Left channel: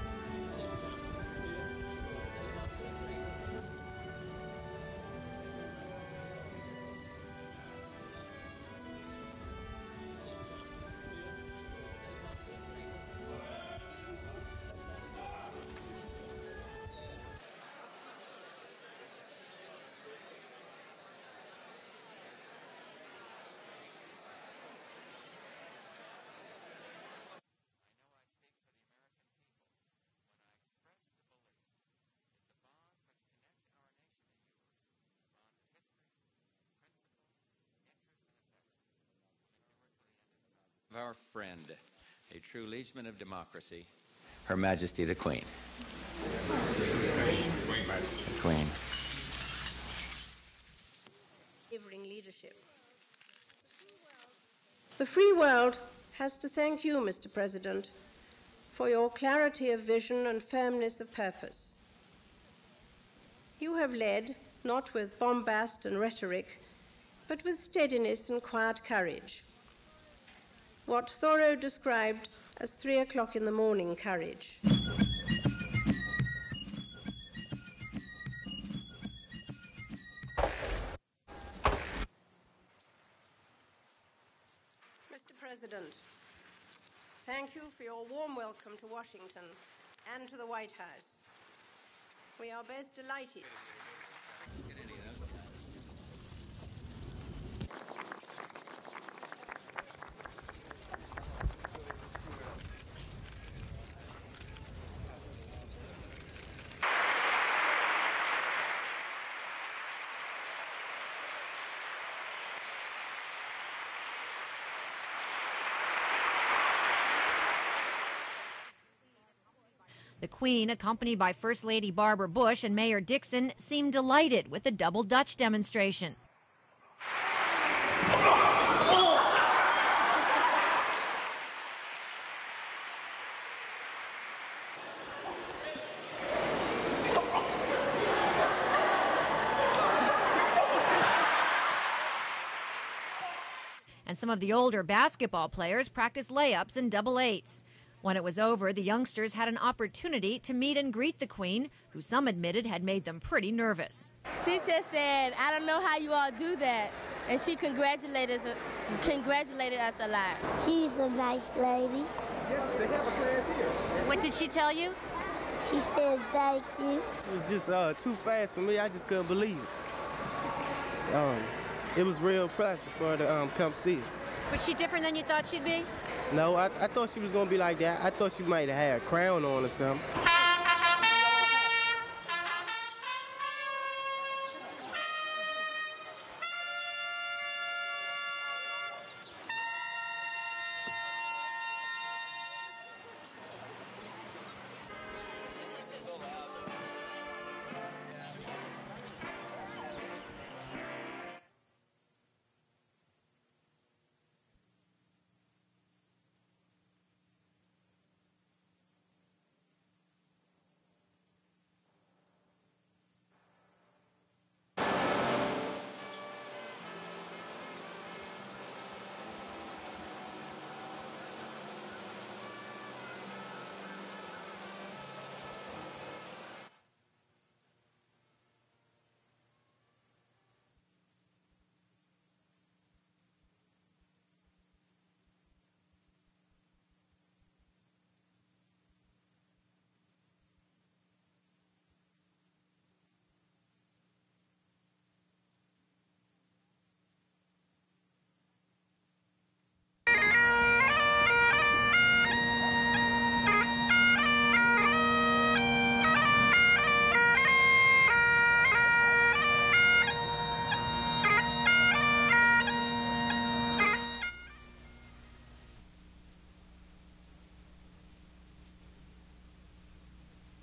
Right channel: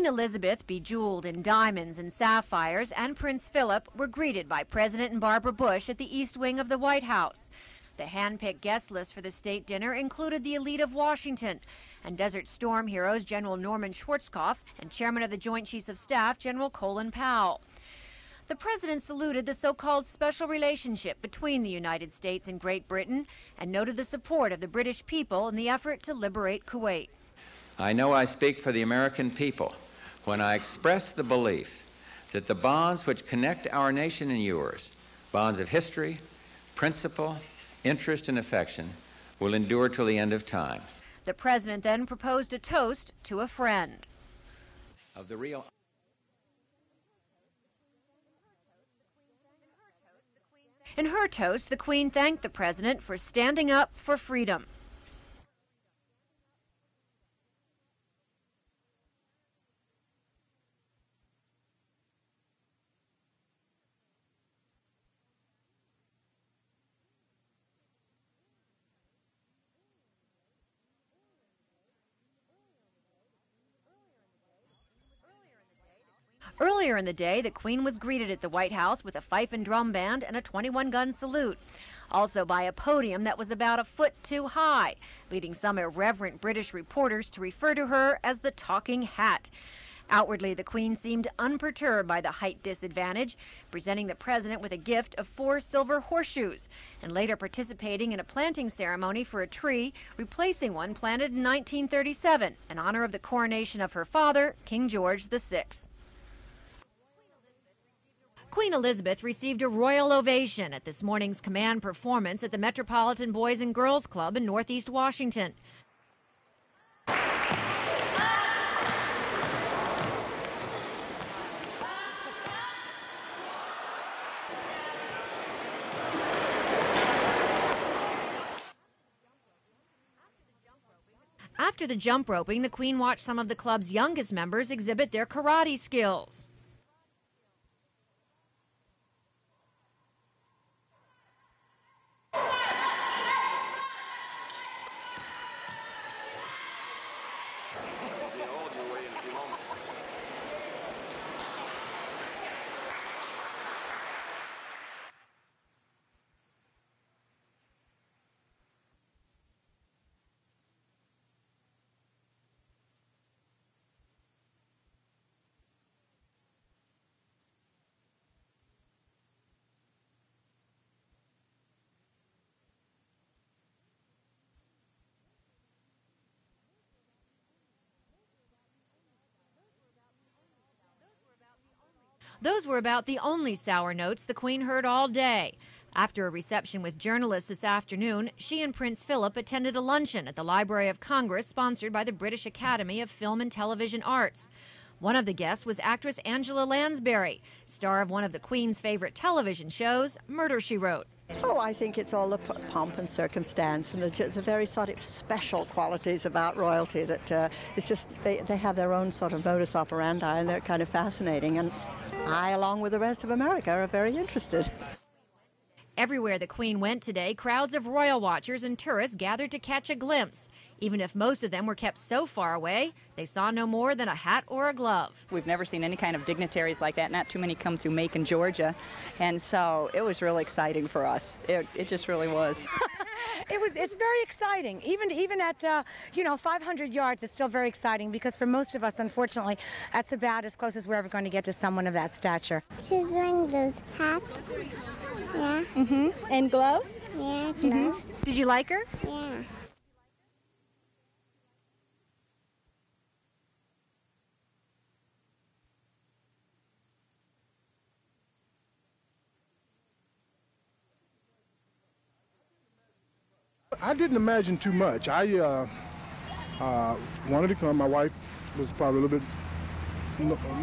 Queen Elizabeth, bejeweled in diamonds and sapphires, and Prince Philip were greeted by President and Barbara Bush at the East Wing of the White House. The hand-picked guest list for the state dinner included the elite of Washington and Desert Storm heroes General Norman Schwarzkopf and Chairman of the Joint Chiefs of Staff General Colin Powell. The president saluted the so-called special relationship between the United States and Great Britain and noted the support of the British people in the effort to liberate Kuwait. I know I speak for the American people when I express the belief that the bonds which connect our nation and yours, bonds of history, principle, interest, and affection, will endure till the end of time. The president then proposed a toast to a friend. Her Majesty the Queen. Queen. In her toast, the Queen thanked the president for standing up for freedom. The free world has to thank you, Mr. President, for your clarity of vision and firmness of purpose. You have led, not with bombast and rhetoric, but with steadiness and quiet courage. What Thoreau described as 3 o'clock in the morning courage. Earlier in the day, the Queen was greeted at the White House with a fife and drum band and a 21-gun salute. Also by a podium that was about a foot too high, leading some irreverent British reporters to refer to her as the talking hat. Outwardly, the Queen seemed unperturbed by the height disadvantage, presenting the president with a gift of 4 silver horseshoes, and later participating in a planting ceremony for a tree, replacing one planted in 1937 in honor of the coronation of her father, King George VI. Queen Elizabeth received a royal ovation at this morning's command performance at the Metropolitan Boys and Girls Club in Northeast Washington. The Queen, accompanied by First Lady Barbara Bush and Mayor Dixon, seemed delighted with the double Dutch demonstration. After the jump roping, the Queen watched some of the club's youngest members exhibit their karate skills. And some of the older basketball players practiced layups and double eights. When it was over, the youngsters had an opportunity to meet and greet the Queen, who some admitted had made them pretty nervous. She just said, "I don't know how you all do that," and she congratulated us a lot. She's a nice lady. Yes, they have a class here. What did she tell you? She said thank you. It was just too fast for me. I just couldn't believe it. It was real pleasure for her to come see us. Was she different than you thought she'd be? No, I thought she was going to be like that. I thought she might have had a crown on or something. Those were about the only sour notes the Queen heard all day. After a reception with journalists this afternoon, she and Prince Philip attended a luncheon at the Library of Congress sponsored by the British Academy of Film and Television Arts. One of the guests was actress Angela Lansbury, star of one of the Queen's favorite television shows, Murder, She Wrote. Oh, I think it's all the pomp and circumstance and the very sort of special qualities about royalty that it's just, they have their own sort of modus operandi and they're kind of fascinating. And I, along with the rest of America, are very interested. Everywhere the Queen went today, crowds of royal watchers and tourists gathered to catch a glimpse. Even if most of them were kept so far away, they saw no more than a hat or a glove. We've never seen any kind of dignitaries like that. Not too many come through Macon, Georgia. And so it was really exciting for us. It just really was. It's very exciting. Even at 500 yards, it's still very exciting because for most of us, unfortunately, that's about as close as we're ever going to get to someone of that stature. She's wearing those hats. Yeah. Mm-hmm. And gloves? Yeah, gloves. Did you like her? Yeah. I didn't imagine too much. I wanted to come. My wife was probably a little bit,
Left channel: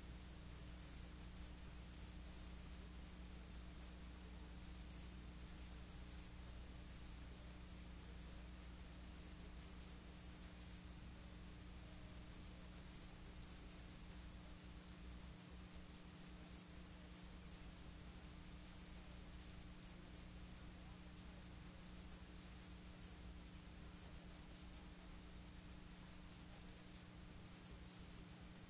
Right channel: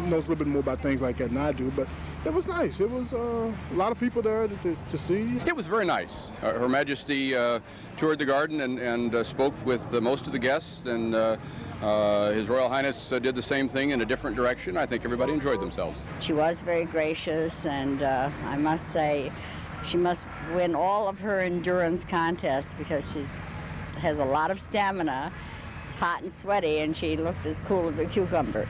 knows a little bit more about things like that than I do, but it was nice. It was a lot of people there to see. It was very nice. Her Majesty toured the garden and spoke with most of the guests, and His Royal Highness did the same thing in a different direction. I think everybody enjoyed themselves. She was very gracious, and I must say, she must win all of her endurance contests because she has a lot of stamina, hot and sweaty, and she looked as cool as a cucumber.